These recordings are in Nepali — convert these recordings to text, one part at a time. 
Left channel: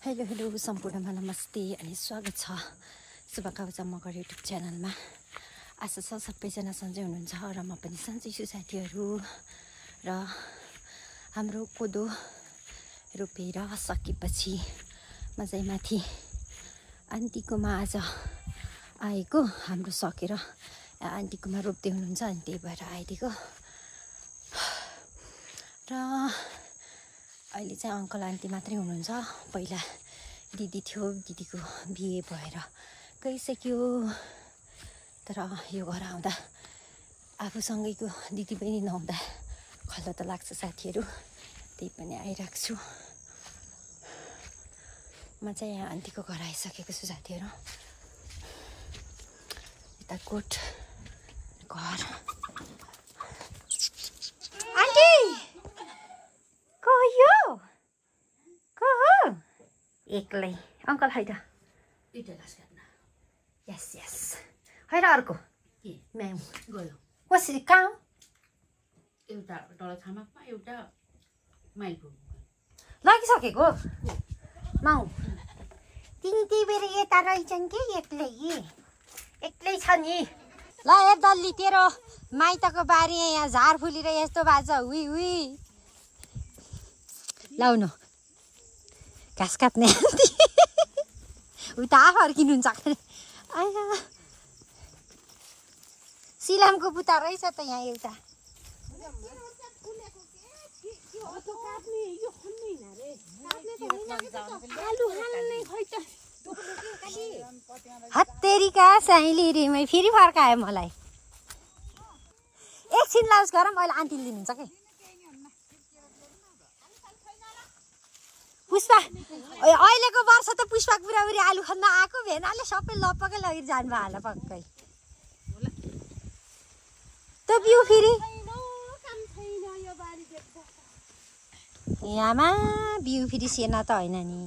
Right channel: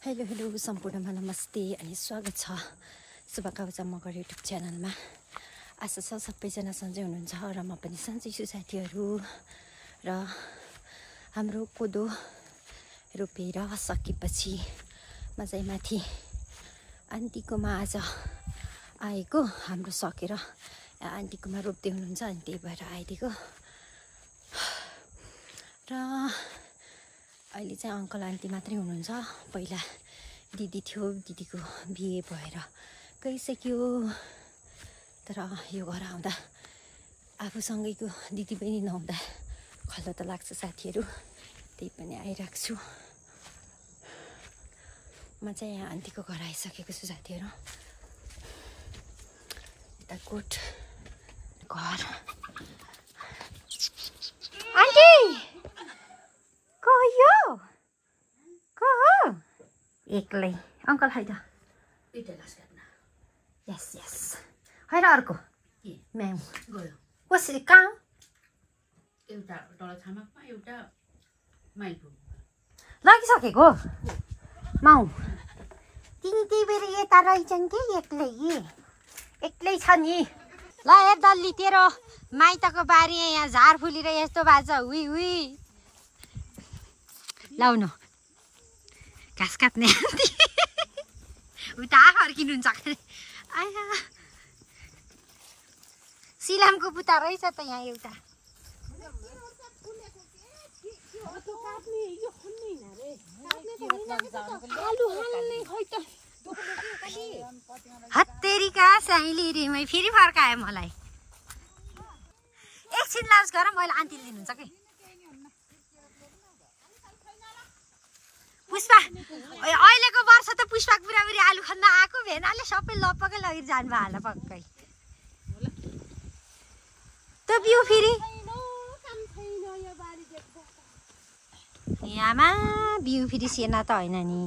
हेलो हेलो सम्पूर्णमा नमस्ते अनि स्वागत छ शुभकामना मगर युट्युब च्यानलमा। आशा छ सबैजना सन्चै हुनुहुन्छ र म पनि सन्चै छु साथीहरू। र हाम्रो कोदो रोपेर सकेपछि म चाहिँ माथि आन्टीकोमा आज आएको। हाम्रो सकेर आन्टीकोमा रोप्दै हुनुहुन्छ अनि त्यही भएर आइदिएको। र अहिले चाहिँ अङ्कल आन्टी मात्रै हुनुहुन्छ। पहिला दिदी थियो, दिदीको बिहे भएर गइसक्यो। तर यो घर आउँदा आफूसँगैको दिदी पनि नहुँदा खल्लो त लाग्छ साथीहरू, त्यही पनि आइरहेको छु। म चाहिँ यहाँ आन्टीको घर आइसकेको छु साथीहरू। यता कोट घर। आन्टी को यो? को हो? एक्लै अङ्कल है त यस यस है र अर्को म्याउ गयो कसरी कहाँ? एउटा तल छामाकमा एउटा माइलपुर लगिसकेको माउ। तिमी त्यही बेर यता रहेछन् कि एक्लै छ नि। ल हेर दल्ली तेरो माइतको बारी यहाँ झार फुलेर यस्तो भएको छ। हुई हुई लाउनु घाँस काट्ने उता फर्किनुहुन्छ। आया सिलामको बुता रहेछ त यहाँ एउटा। हत्तेरीका साइली रिमै फेरि फर्कायो मलाई। एकछिन लाउस गर मैले आन्टी लिनुहुन्छ कि पुष्पा। अहिलेको वर्ष त पुष्पा बुढाबुढी आलु खन्न आएको भेनाले सबै लपकै लगेर जानुभयो होला पक्कै। त्यो बिउ फेरि यहाँमा बिउ फेरि सेना त होइन नि।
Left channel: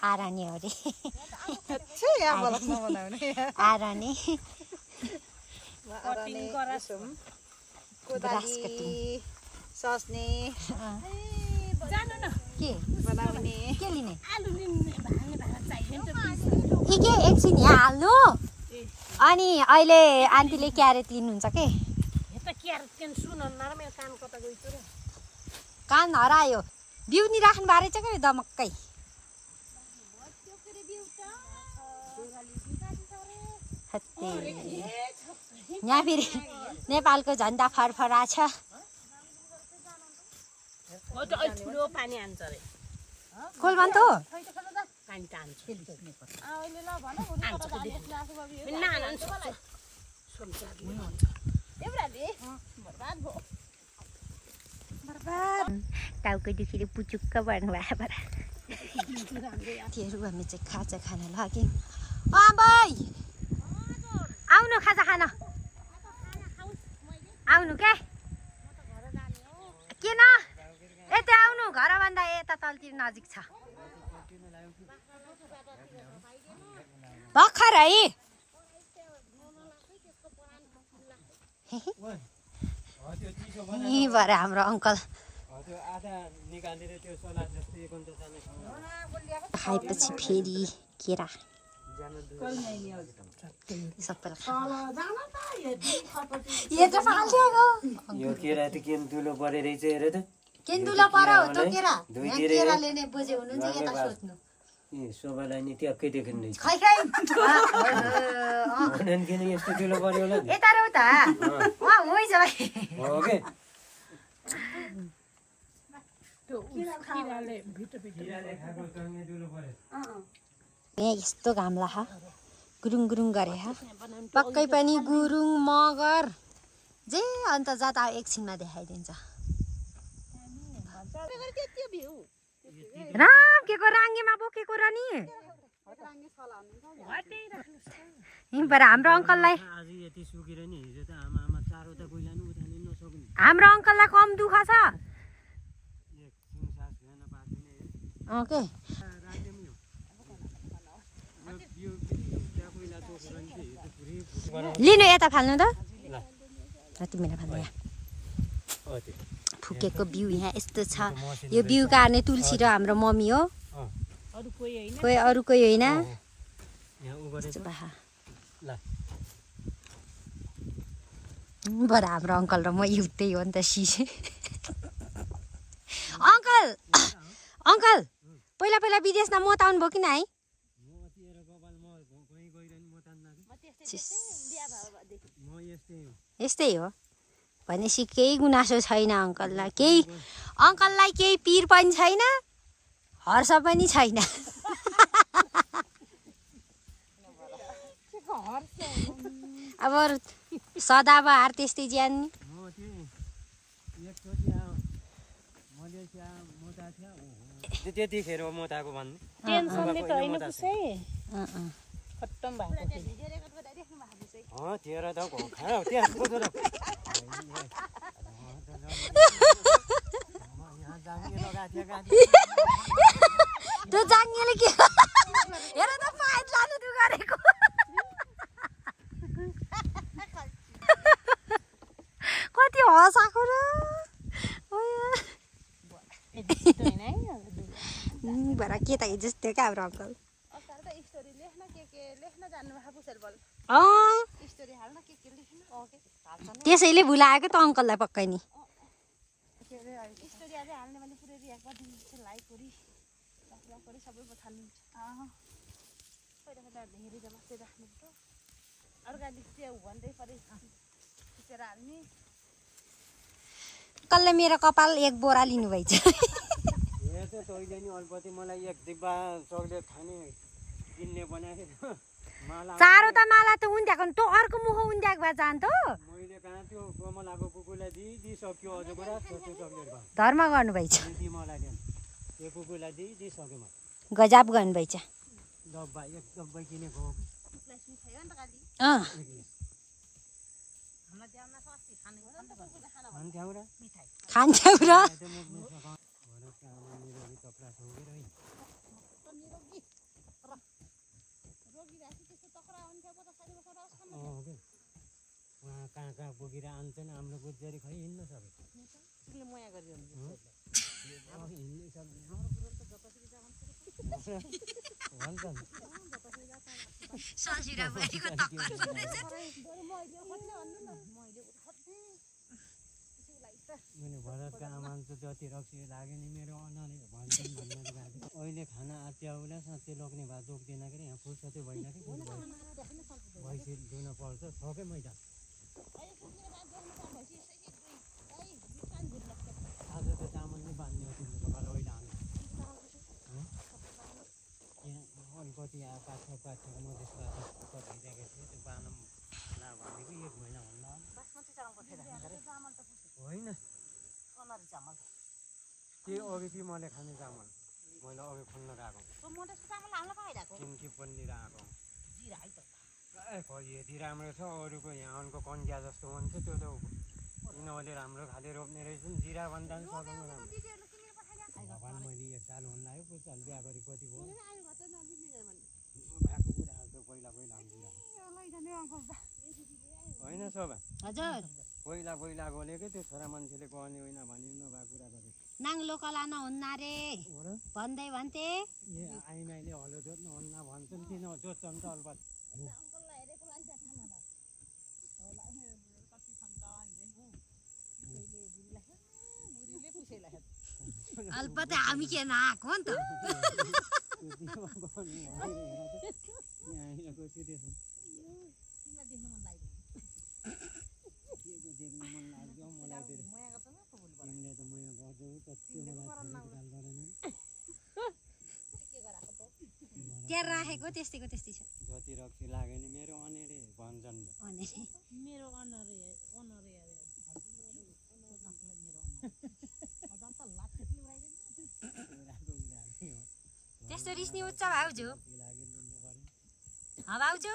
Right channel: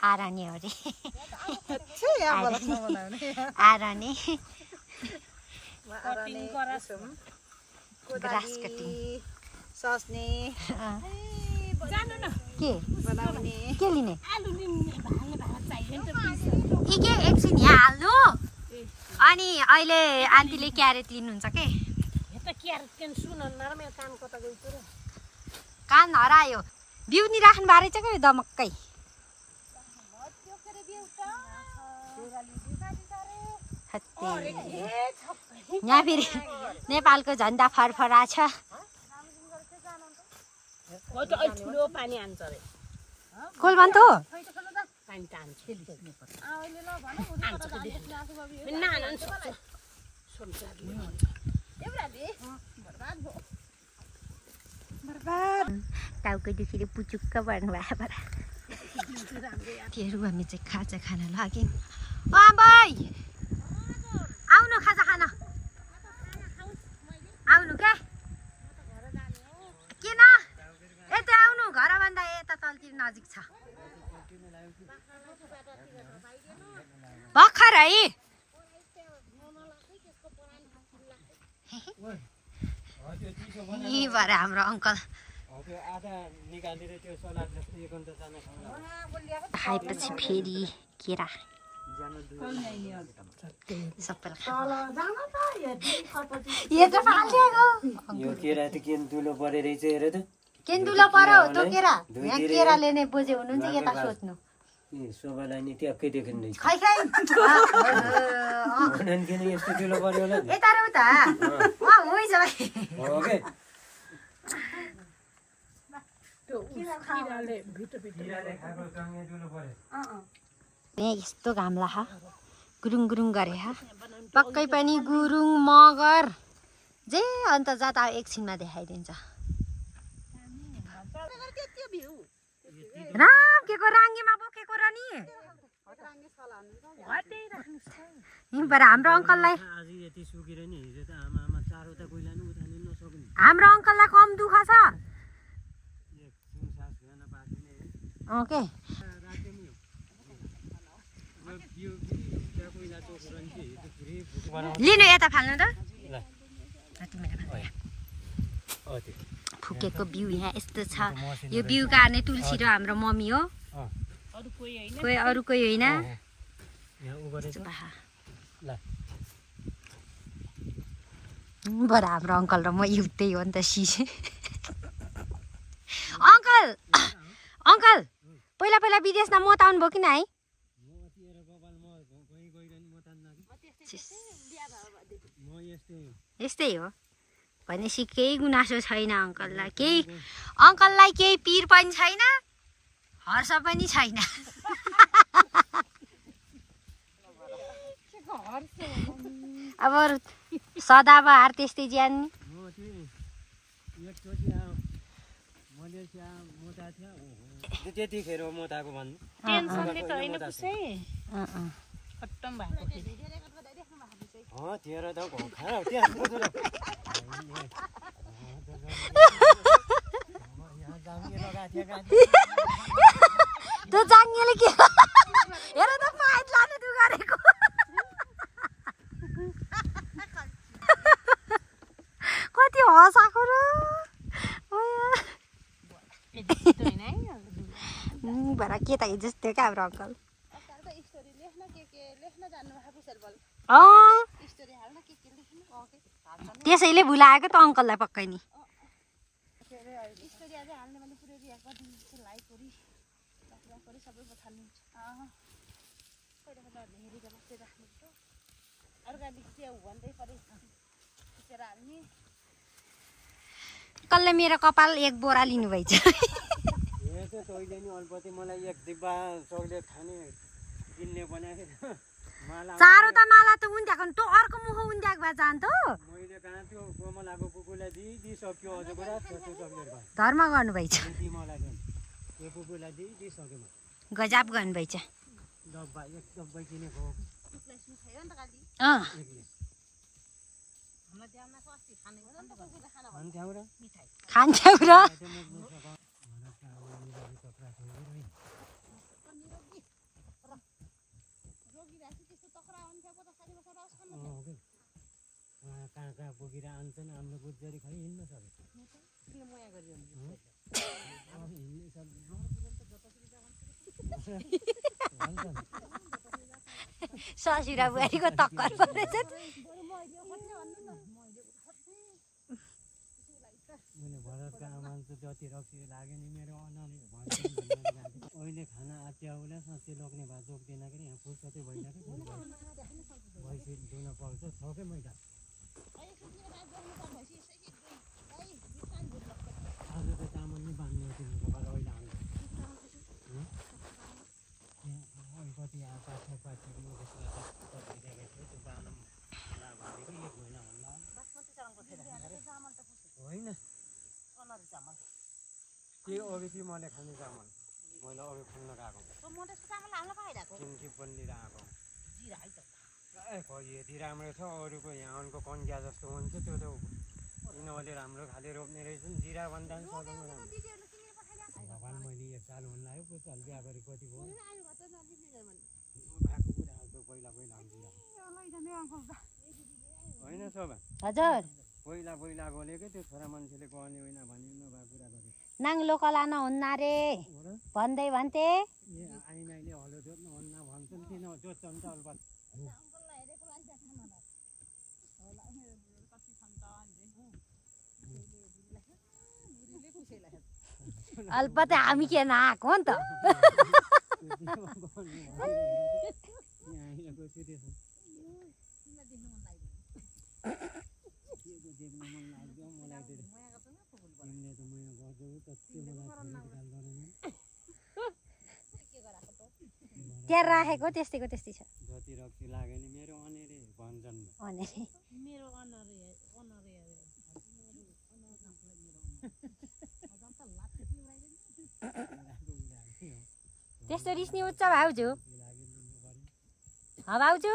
आरानी हो रे आरानी ग्रास कटिङ सस्ने के बनाउने के लिने के एकछिन यहाँ हाल्नु। अनि अहिले आन्टीले क्यारेट लिनुहुन्छ के? कान हरायो। बिउ नि राख्नु बारे चाहिँ के दमक्कै। यहाँ फेरि नेपालको झन्डा फरफरा छ। खोल भन् त टाउको दुखेर पुचुक्क पर्नु भयो। त्योहरू हामी चाहिँ खाजा खान लाग्यौँ। आमै आउनु खाजा खान आउनु क्या किन यता आउनु। घरभन्दा यता तलतिर नजिक छ भर्खर है। यहीँबाट हाम्रो अङ्कल खाएपछि फेरि केरा यो केरा त केन्दुलो परे रहेछ हेर त। केन्दुलो पऱ्यो त्यो केरा। यहाँ केरा लिने बोजे हुनुहुन्छ यता सोध्नु। ए शोभालाई नि ट्याक्कै देखिँदैन खै खै किन यस्तो ठुलो पऱ्यो होला नि। यता र उता वहाँ होइ छ हो के यस्तो घाम ला गुरुङ गुरुङ गरे पक्कै पनि गुरुङ मगर जे अन्त जात एकछिनमा देखाइदिन्छ। राम के को राङ्गेमा बोकेको र नि हाम्रो अङ्कललाई हाम्रो अङ्कललाई कम दुःख छ। ओके लिनु यता फाल्नु त तिमीले फाल्नु फुकेको बिउ यहाँ यस्तो छ यो बिउ काट्ने तुलसी र हाम्रो मम्मी हो कोही अरू कोही होइन बरु हाम्रो अङ्कल र म एउटै हो नि त सिसे अङ्कल अङ्कल पहिला पहिला विदेशमा मत आउनुभयो कि नै यस्तै हो भनेपछि केही गुनासो छैन अङ्कललाई केही पिर पनि छैन हर्ष पनि छैन अब सदाबहार त्यस्तै ज्यान त्यतिखेर मोताको भन्नु तेह्र त त्यो जाङ्गेले के हेर त पाइप लानु त्यो गरेको कति हँसाएको र भरा के त जस्तो क्या हाम्रो अङ्कल त्यसैले भुलाएको त अङ्कललाई पक्कै नि अङ्कलले मेरो कपाल एक बोरा लिनुभएछ तैँले नि अल्पति मलाई एक डिब्बा चक्लेट खाने किन्ने बनाएको थियो चारो त माला त उन्ध्याएको तँ अर्को मुख उन्ध्याएको भए जान त मैले कहाँ त्यो कमलाको कुकुरलाई दिइसक्यो अझ कुरा छोटो चक्लेट धर्म गर्नुभएछ मलाई त्यो कुकुरलाई दिइसक्यो म गजब गर्नुभएछ डब्बा एक डब्बा किनेको खान्थ्यौ र कहाँ कहाँ पुगेर आन्छन् हाम्रो गुज्जरी खै हिँड्न सक्यो ससुरा बुहारीको टक्कर पर्दैछ भरतका आमाले त जति रक्सी लाग्यो नि मेरो अनाले भन्छन् अहिले खाना आच्याउला साँच्चै लोग्ने भए जोग्दैन के यहाँ फुर्सदै भएन कि भैँसी धुन पर्छ छ क्या मैदा आज त चामल नि बाँध्नु तिनीहरूको अहिले आउँदा अलिकति पाछा म त्यसलाई भइरहेको थियो त्यो बाँधौँ भनेको 1 महिना भन्दा होइन त्यो अघि त्यो मैले खाने चामल मैले अघि खोल्न गएको चिम्ची पल्लिएर आएको यति राम्रो छ अरूको यहाँ अनको कन्या जस्तो हुन्छ त्यो त यिनीहरूले राम्रो खाले रोप्ने रहेछन् जिरा भन्दा पनि सधैँ राम्रो भगवान् मैले 1 साल हुन लाग्यो पुचाल बिहा गरी कति भयो भएको कुरा हाल्छ पहिला होइन सोभा हजुर पहिला बोलेको त्यो छोरा मान्छेले कहने होइन भने नभएको कुरा गरे नाङ्लो कला नहुन्न रे भन्दै भन्थे आइमाईले हलो जोत्नु हुन्न भन्छन् किन जोत्छन् त अलबत अल्पत हामी के नआएको हो नि त देख्न मन लाग्यो मलाई तिमीले त माया गर्छौ जति मलाई त्यहाँ राखेको त्यस्तैको त्यस्तै छ जति रक्सी लाग्यो नि मेरो अनेरे भन्छन् त्यस्तो रिस्नी उठ्छ भाउजू भाउजू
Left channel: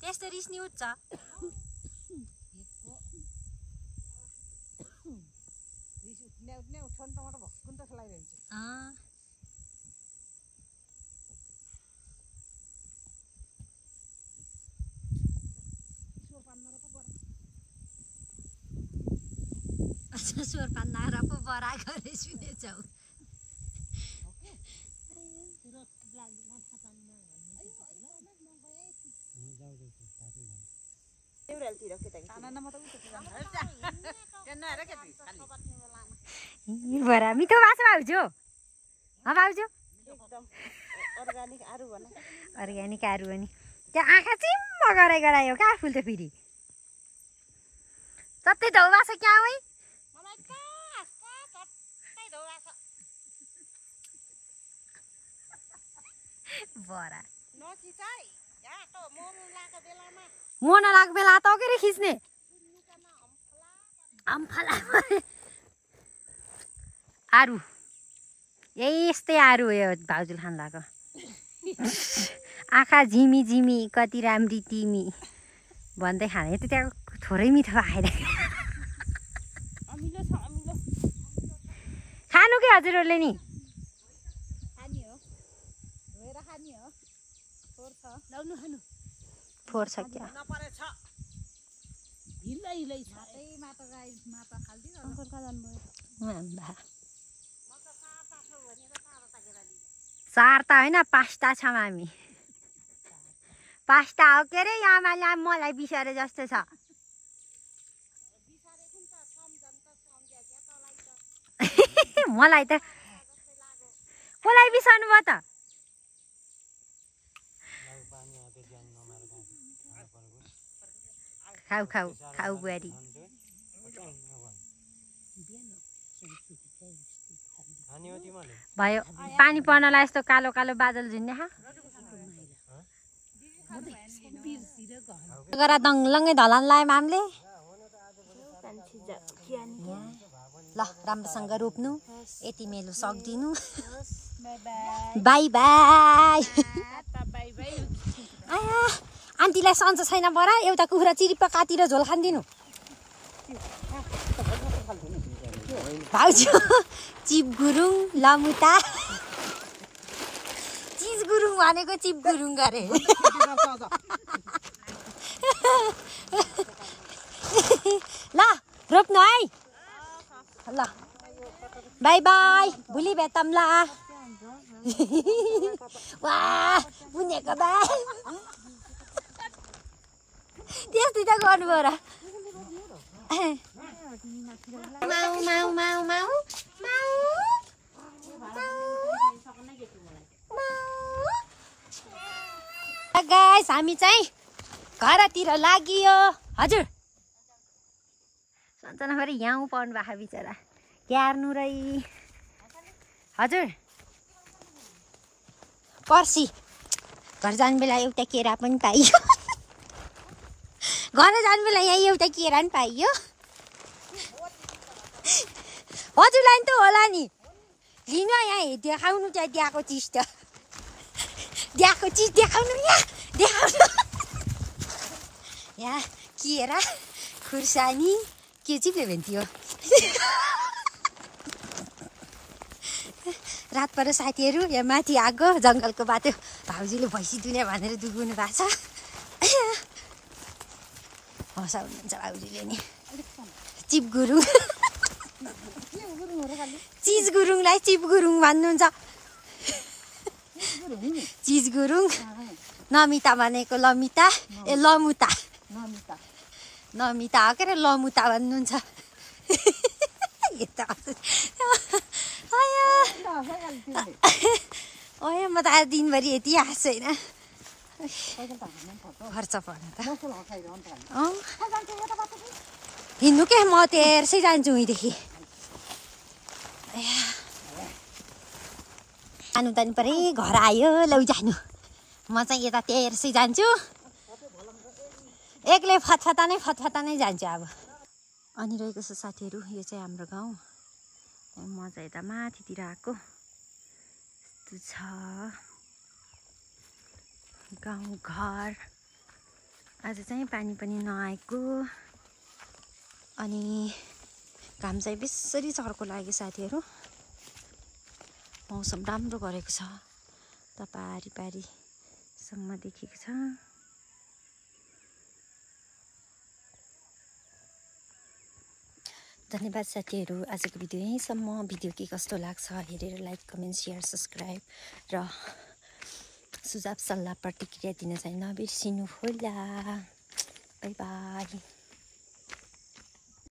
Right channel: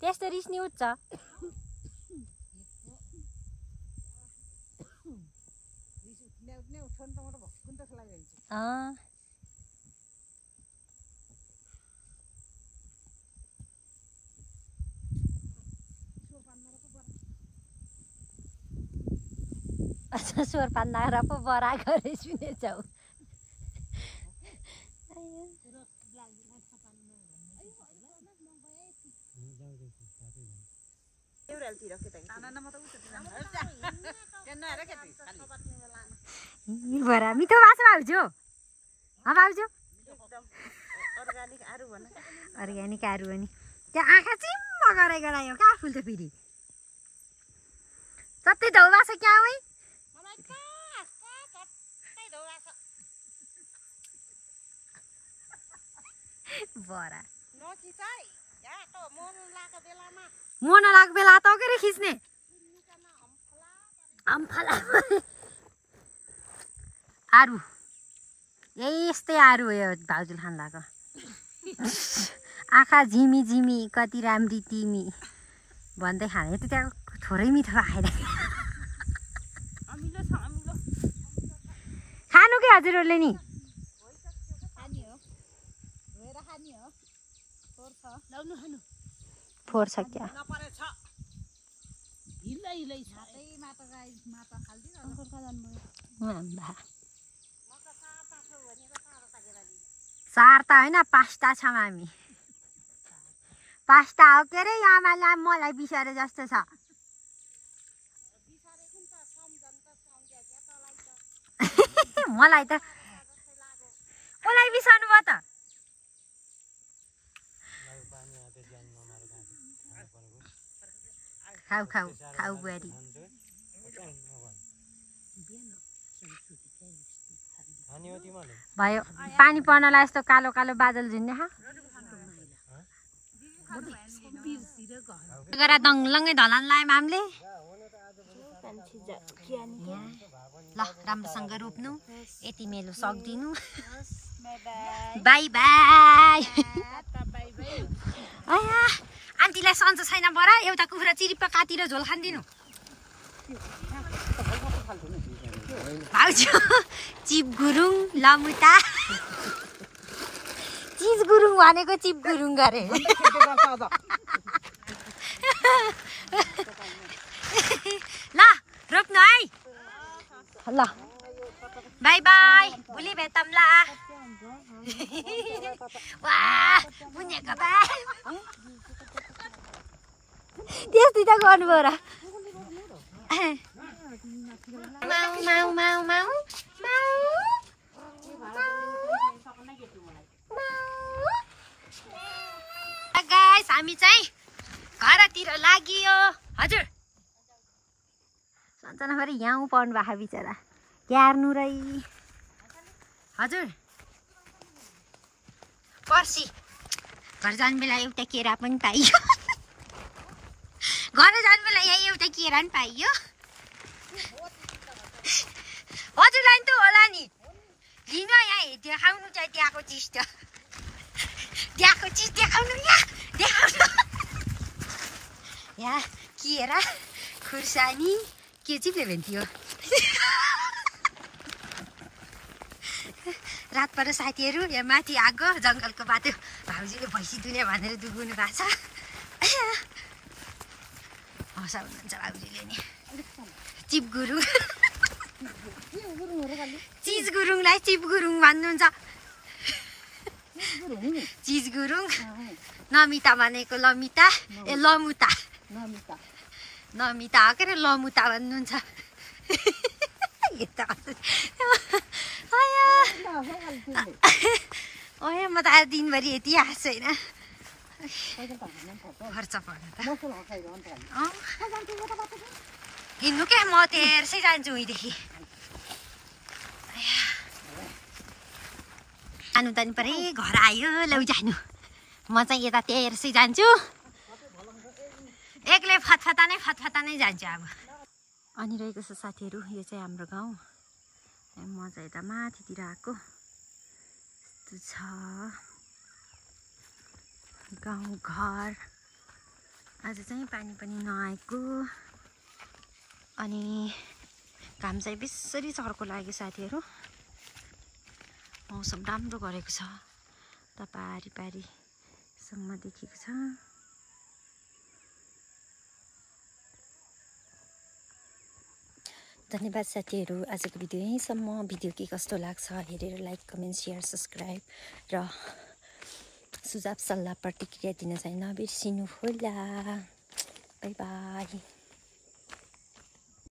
त्यस्तो रिस्नी उठ्छ स्वर पान्दा पो बरा गरे सुनेछौ बरा मिठो माछा भाउजू भाउजू अर्ग्यानिक आरु अनि त्यो आँखा चिम्म गरायो कहाँ फुल्छ फेरि सबै धौवा छ क्या है बरा म नलाग बेला त के खिच्ने आरु यस्तै आरु हो यो भाउजूले खान लाग्यो आँखा झिमी झिमी कति राम्री तिमी भन्दै खाने त त्यहाँ थोरै मिठो आएर खानु के हजुरहरूले नि फोहोर छ क्या सार त होइन पास्ता छौँ हामी पास्ता हो के अरे आमाले मलाई बिसारे जस्तो छ मलाई बिसाउनु भयो त खाऊ खाऊ खाऊ बुहारी भयो पानी पर्नलाई यस्तो कालो कालो बादल झुन्ने गरा दङलङ्गै धलान लायौँ हामीले ल राम्रोसँग रोप्नु यति मेलो सक्दिनु बाई बाई आया आन्टीलाई सन्चो छैन बरा एउटा कुखुरा चिरिप्प काटेर झोल खान्दिनु भाउजू चिप गुरुङ लमुता चिज गुरुङ भनेको चिप गुरुङ गरे ल रोप्नु है ल बाई बाई भोलि भेटौँ ल वाह बुनेको बाई त्यस्तै त गर्नुभयो र माउ माउ माउ माउ गाइस हामी चाहिँ घरतिर लागियो हजुर सन्चना फेरि यहाँ पर्नु भएको बिचरा क्यार्नु रै हजुर पर्सी घर जानु बेला एउटा केरा पनि पाइयो घर जानु बेला यहाँ एउटा केरा पनि पाइयो हजुरलाई त होला नि लिनु यहाँ देखाउनु चाहिँ दिएको चिज त दिएको चिज देखाउनु यहाँ देखाउनु यहाँ केरा खुर्सानी के चाहिँ के भन्थ्यो रात पर साथीहरू यहाँ माथि आगो जङ्गलको बाटो भाउजूले भैँसी दुले भनेर दुगुनु भएको छ हँसाउनुहुन्छ भाउजूले नि चिप गुरुङ चिज गुरुङलाई चिप गुरुङ भन्नुहुन्छ चिज गुरुङ नमिता भनेको लमिता ए लमुता नमिता हो के अरे लमुता भन्नुहुन्छ म त आज दिनभरि यति हाँस्छु होइन खर्च पर्छ त हिँड्नु के म तेर्सै जान्छु उहीँदेखि जानु त नि परे घर आयो लौ जानु म चाहिँ यता तेर्सै जान्छु एक्लै फतफता नै जान्छु अब अनि रहेको छ साथीहरू यो चाहिँ हाम्रो गाउँ म चाहिँ यता माथितिर आएको यस्तो छ गाउँ घर आज चाहिँ पानी पनि नआएको अनि घाम चाहिँ बेसरी चर्को लाग्यो साथीहरू मौसम राम्रो गरेको छ त पारी पारीसम्म देखेको छ धन्यवाद साथीहरू, आजको भिडियो यहीँसम्म। भिडियो के कस्तो लाग्छ हेरेर लाइक, कमेन्ट, सेयर, सब्सक्राइब र सुझाव सल्लाह प्रतिक्रिया दिन चाहिँ नबिर्सिनु होला। By by.